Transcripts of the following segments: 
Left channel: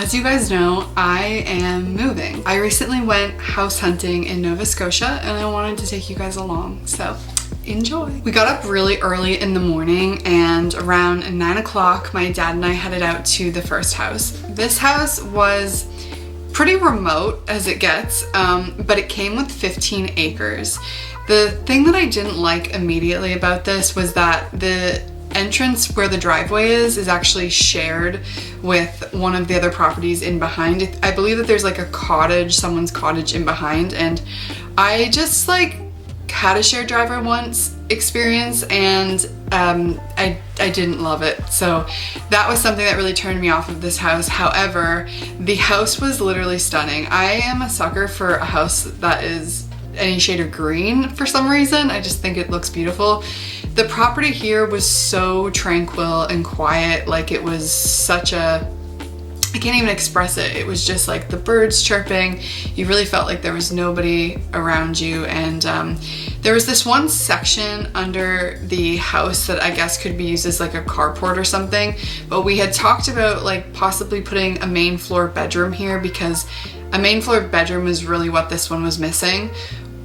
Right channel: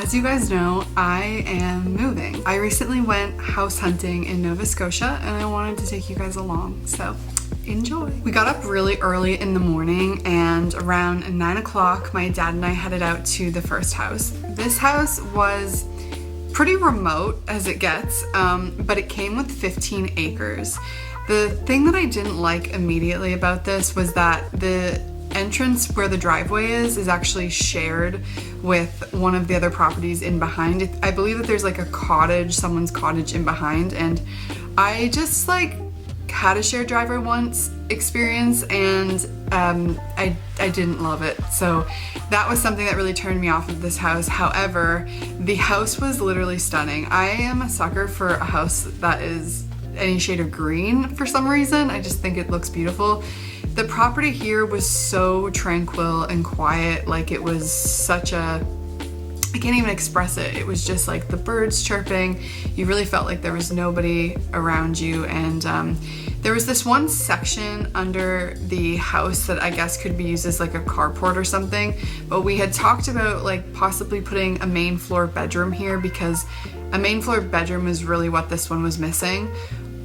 As you guys know, I am moving. I recently went house hunting in Nova Scotia and I wanted to take you guys along, so enjoy. We got up really early in the morning and around 9 o'clock my dad and I headed out to the first house. This house was pretty remote as it gets, but it came with 15 acres. The thing that I didn't like immediately about this was that the entrance where the driveway is actually shared with one of the other properties in behind. I believe that there's like a cottage, someone's cottage in behind, and I just like had a shared driveway once experience and I didn't love it. So that was something that really turned me off of this house. However, the house was literally stunning. I am a sucker for a house that is any shade of green for some reason. I just think it looks beautiful. The property here was so tranquil and quiet, like it was such a, I can't even express it. It was just like the birds chirping. You really felt like there was nobody around you, and there was this one section under the house that I guess could be used as like a carport or something, but we had talked about like possibly putting a main floor bedroom here because a main floor bedroom is really what this one was missing.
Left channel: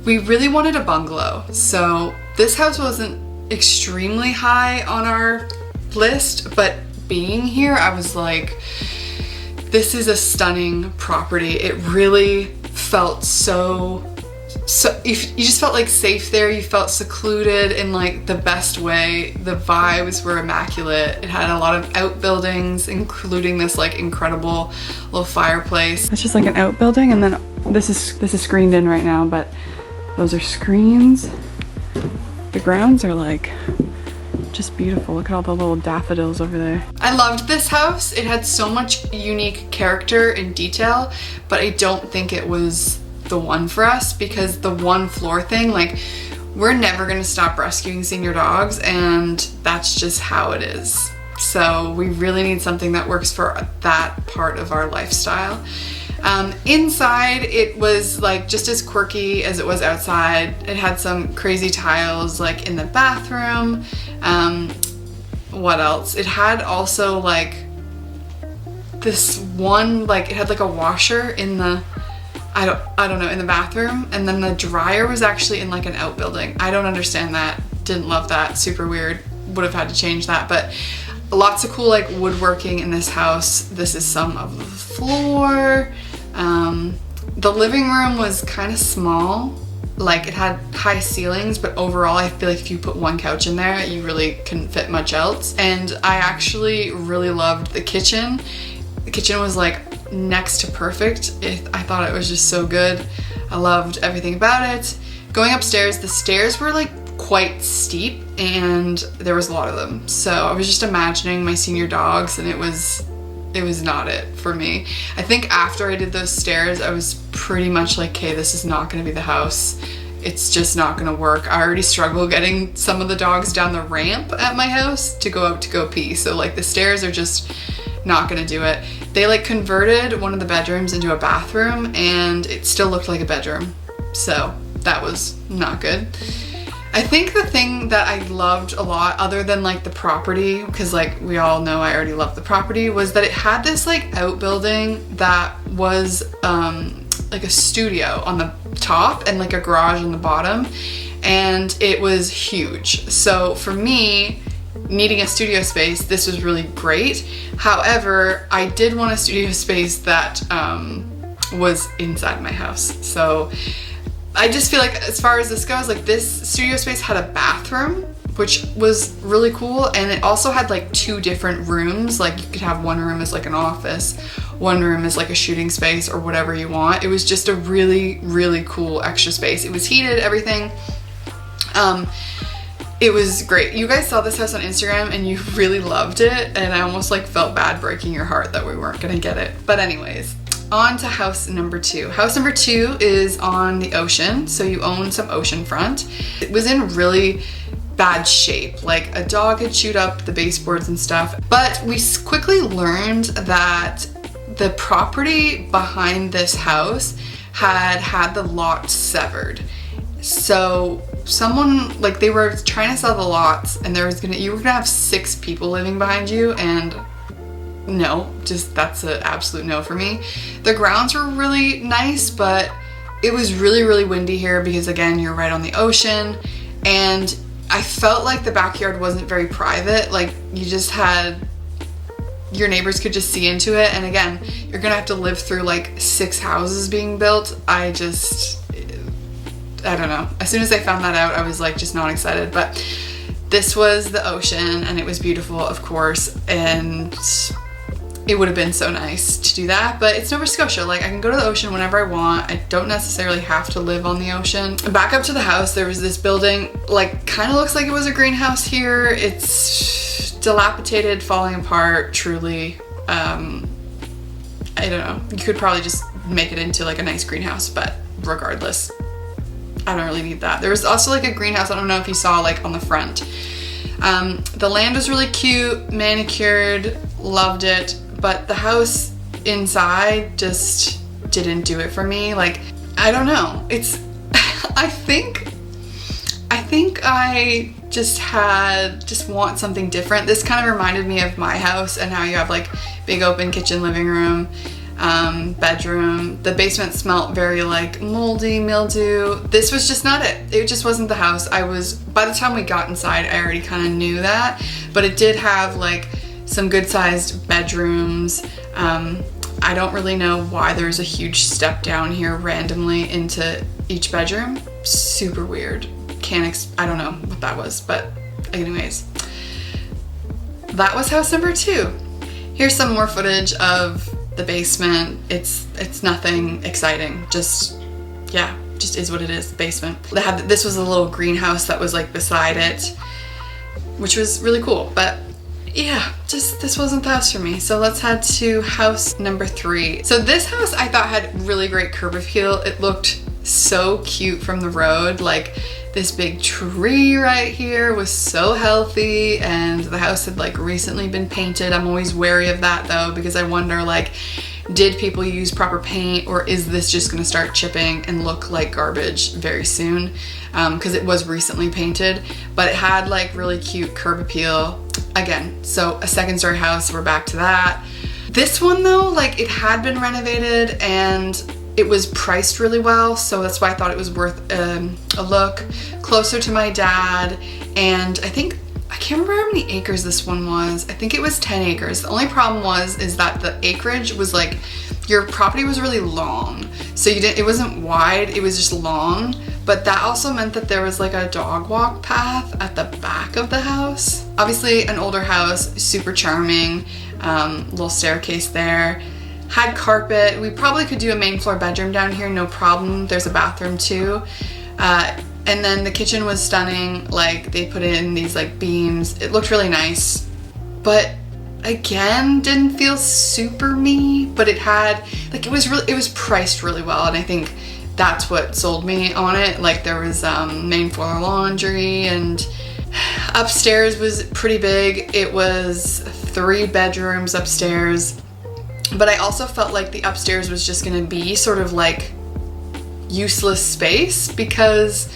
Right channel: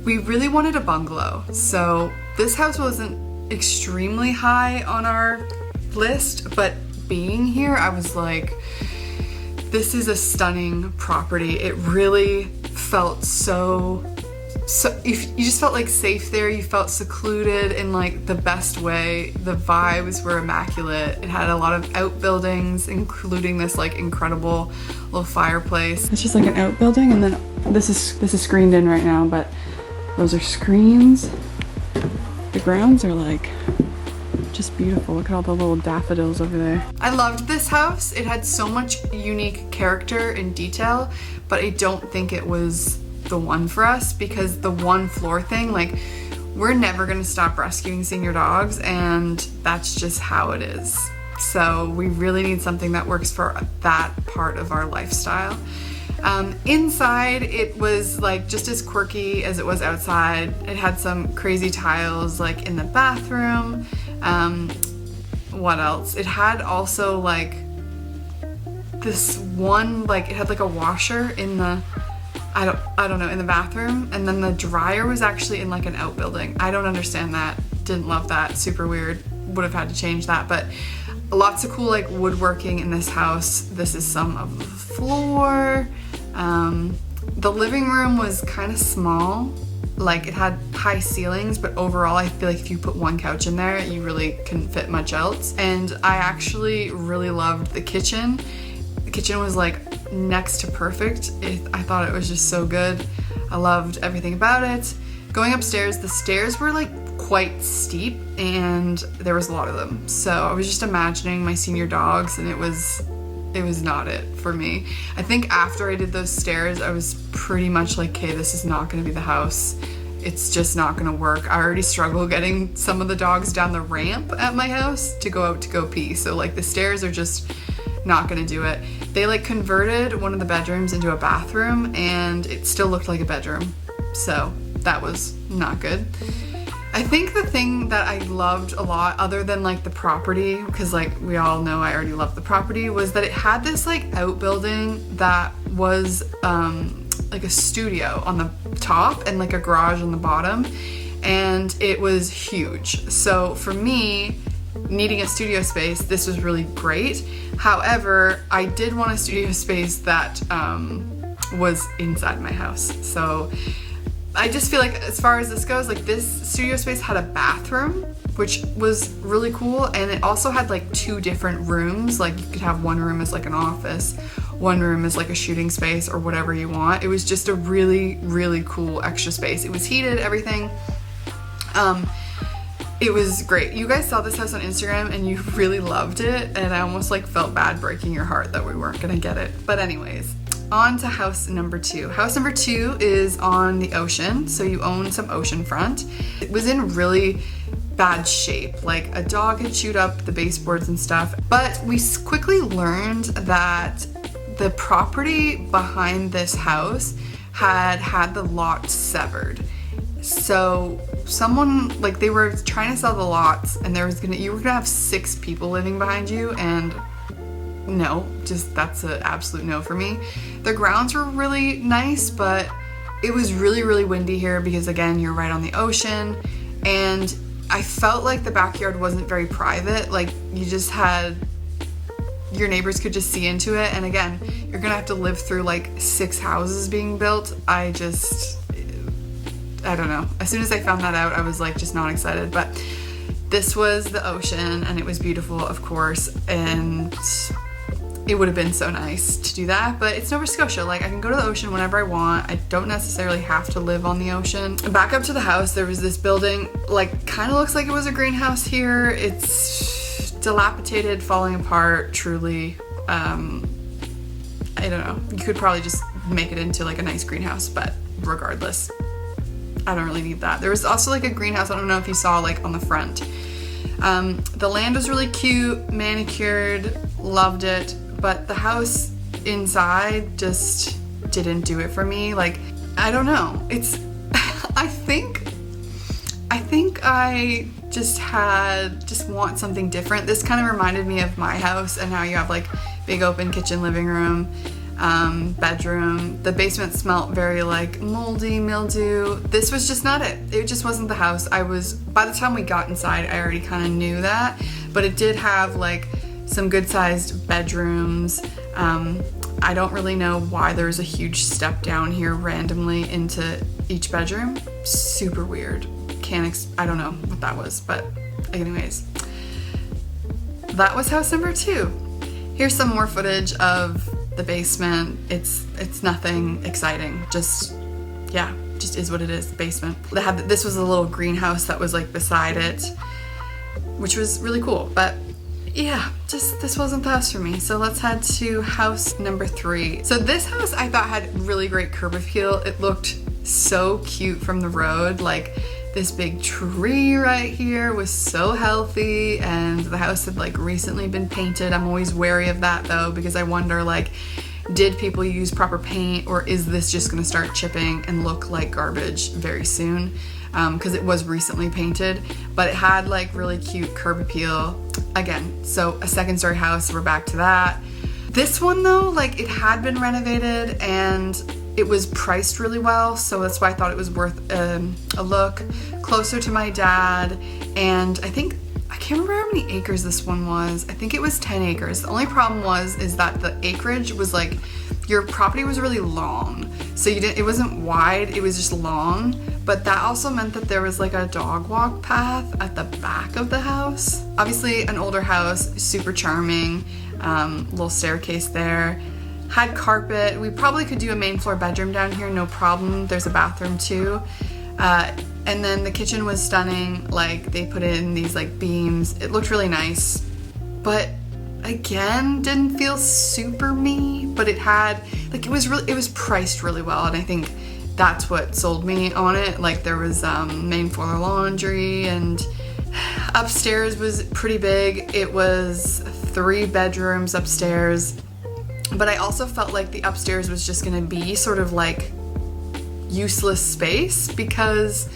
We really wanted a bungalow, so this house wasn't extremely high on our list, but being here I was like, this is a stunning property. It really felt so you just felt like safe there. You felt secluded in like the best way. The vibes were immaculate. It had a lot of outbuildings, including this like incredible little fireplace. It's just like an outbuilding, and then this is screened in right now, but those are screens. The grounds are like just beautiful. Look at all the little daffodils over there. I loved this house. It had so much unique character and detail, but I don't think it was the one for us because the one floor thing, like we're never gonna stop rescuing senior dogs and that's just how it is. So we really need something that works for that part of our lifestyle. Inside, it was like just as quirky as it was outside. It had some crazy tiles like in the bathroom. What else? It had also like this one, like it had like a washer in the, I don't know, in the bathroom, and then the dryer was actually in like an outbuilding. I don't understand that. Didn't love that. Super weird. Would have had to change that, but lots of cool like woodworking in this house. This is some of the floor. The living room was kind of small, like it had high ceilings, but overall I feel like if you put one couch in there, you really couldn't fit much else. And I actually really loved the kitchen. The kitchen was like next to perfect. I thought it was just so good. I loved everything about it. Going upstairs, the stairs were like quite steep and there was a lot of them. So I was just imagining my senior dogs and it was not it for me. I think after I did those stairs, I was pretty much like, okay, this is not gonna be the house. It's just not gonna work. I already struggle getting some of the dogs down the ramp at my house to go out to go pee. So like the stairs are just not gonna do it. They like converted one of the bedrooms into a bathroom and it still looked like a bedroom. So that was not good. I think the thing that I loved a lot, other than like the property, because like we all know I already love the property, was that it had this like outbuilding that was like a studio on the top and like a garage on the bottom, and it was huge. So for me, needing a studio space, this was really great. However, I did want a studio space that was inside my house. So I just feel like as far as this goes, like this studio space had a bathroom, which was really cool, and it also had like two different rooms. Like you could have one room as like an office, one room is like a shooting space or whatever you want. It was just a really, really cool extra space. It was heated, everything. It was great. You guys saw this house on Instagram and you really loved it, and I almost like felt bad breaking your heart that we weren't gonna get it. But anyways, on to house number 2. House number 2 is on the ocean, so you own some oceanfront. It was in really bad shape, like a dog had chewed up the baseboards and stuff, but we quickly learned that the property behind this house had the lot severed. So someone, like they were trying to sell the lots and you were gonna have 6 people living behind you, and no, just that's an absolute no for me. The grounds were really nice, but it was really, really windy here because again, you're right on the ocean, and I felt like the backyard wasn't very private. Like you just had, your neighbors could just see into it, and again, you're gonna have to live through like 6 houses being built. I don't know. As soon as I found that out, I was like just not excited, but this was the ocean and it was beautiful, of course, and it would have been so nice to do that, but it's Nova Scotia. Like I can go to the ocean whenever I want. I don't necessarily have to live on the ocean. Back up to the house, there was this building, like kind of looks like it was a greenhouse here. It's dilapidated, falling apart, truly. I don't know. You could probably just make it into like a nice greenhouse, but regardless, I don't really need that. There was also like a greenhouse, I don't know if you saw, like on the front. The land was really cute, manicured, loved it, but the house inside just didn't do it for me. Like, I don't know. It's, I think I just want something different. This kind of reminded me of my house and how you have like big open kitchen, living room, bedroom. The basement smelled very like moldy, mildew. This was just not it. It just wasn't the house. By the time we got inside, I already kind of knew that, but it did have like some good sized bedrooms. I don't really know why there was a huge step down here randomly into each bedroom. Super weird. I don't know what that was, but anyways, that was house number 2. Here's some more footage of the basement. It's nothing exciting, just is what it is, the basement. This was a little greenhouse that was like beside it, which was really cool, but yeah, just this wasn't the house for me. So let's head to house number 3. So this house I thought had really great curb appeal. It looked so cute from the road. Like this big tree right here was so healthy, and the house had like recently been painted. I'm always wary of that though, because I wonder like, did people use proper paint, or is this just gonna start chipping and look like garbage very soon? Because it was recently painted, but it had like really cute curb appeal. Again, so a 2nd-story house, we're back to that. This one though, like it had been renovated and it was priced really well, so that's why I thought it was worth a look. Closer to my dad, and I can't remember how many acres this one was. I think it was 10 acres. The only problem is that the acreage was like, your property was really long. So it wasn't wide, it was just long. But that also meant that there was like a dog walk path at the back of the house. Obviously an older house, super charming, little staircase there. Had carpet. We probably could do a main floor bedroom down here, no problem. There's a bathroom too. And then the kitchen was stunning. Like they put in these like beams. It looked really nice, but again, didn't feel super me, but it had like, it was priced really well. And I think that's what sold me on it. Like there was main floor laundry, and upstairs was pretty big. It was 3 bedrooms upstairs, but I also felt like the upstairs was just gonna be sort of like useless space, because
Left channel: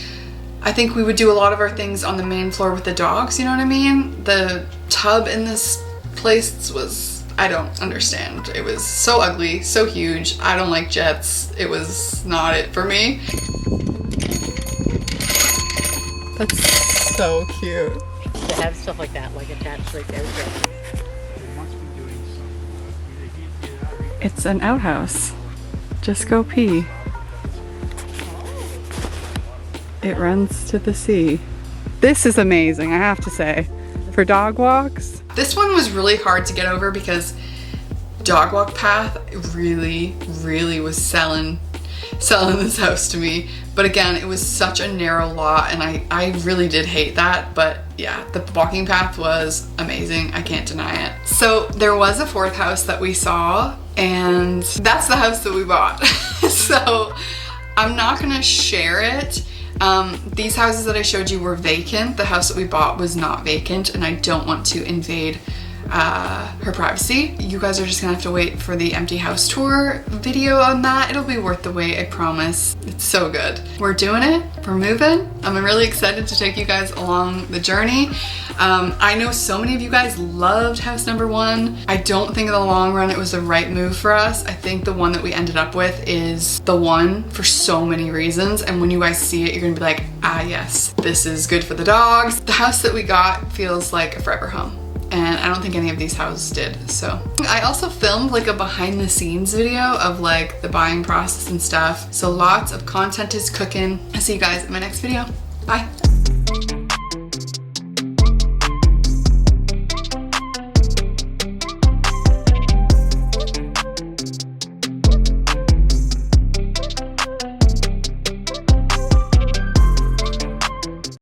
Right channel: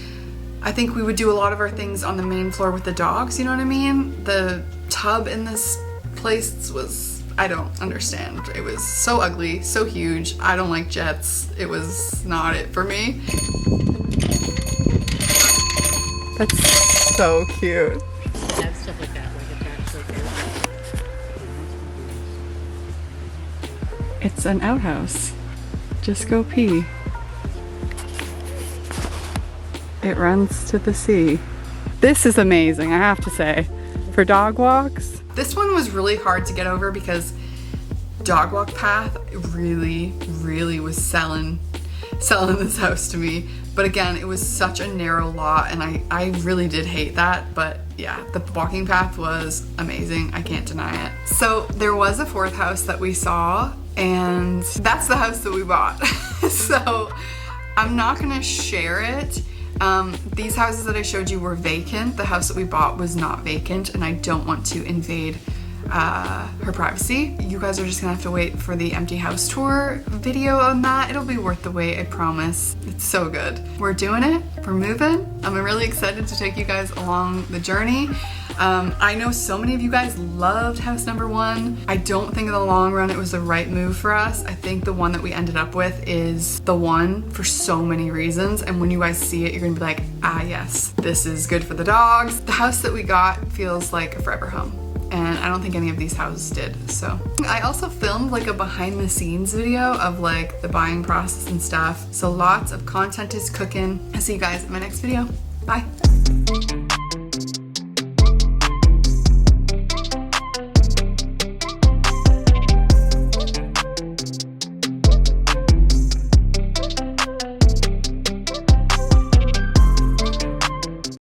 I think we would do a lot of our things on the main floor with the dogs, you know what I mean? The tub in this place was, I don't understand. It was so ugly, so huge. I don't like jets. It was not it for me. That's so cute. To have stuff like that, like attached like out. It's an outhouse. Just go pee. It runs to the sea. This is amazing, I have to say. For dog walks. This one was really hard to get over because dog walk path really, really was selling this house to me. But again, it was such a narrow lot, and I really did hate that. But yeah, the walking path was amazing. I can't deny it. So there was a 4th house that we saw, and that's the house that we bought. So I'm not gonna share it. These houses that I showed you were vacant. The house that we bought was not vacant, and I don't want to invade her privacy. You guys are just gonna have to wait for the empty house tour video on that. It'll be worth the wait, I promise. It's so good. We're doing it, we're moving. I'm really excited to take you guys along the journey. I know so many of you guys loved house number 1. I don't think in the long run it was the right move for us. I think the one that we ended up with is the one for so many reasons, and when you guys see it, you're gonna be like, ah yes, this is good for the dogs. The house that we got feels like a forever home, and I don't think any of these houses did. So I also filmed like a behind the scenes video of like the buying process and stuff, so lots of content is cooking. I'll see you guys in my next video. Bye.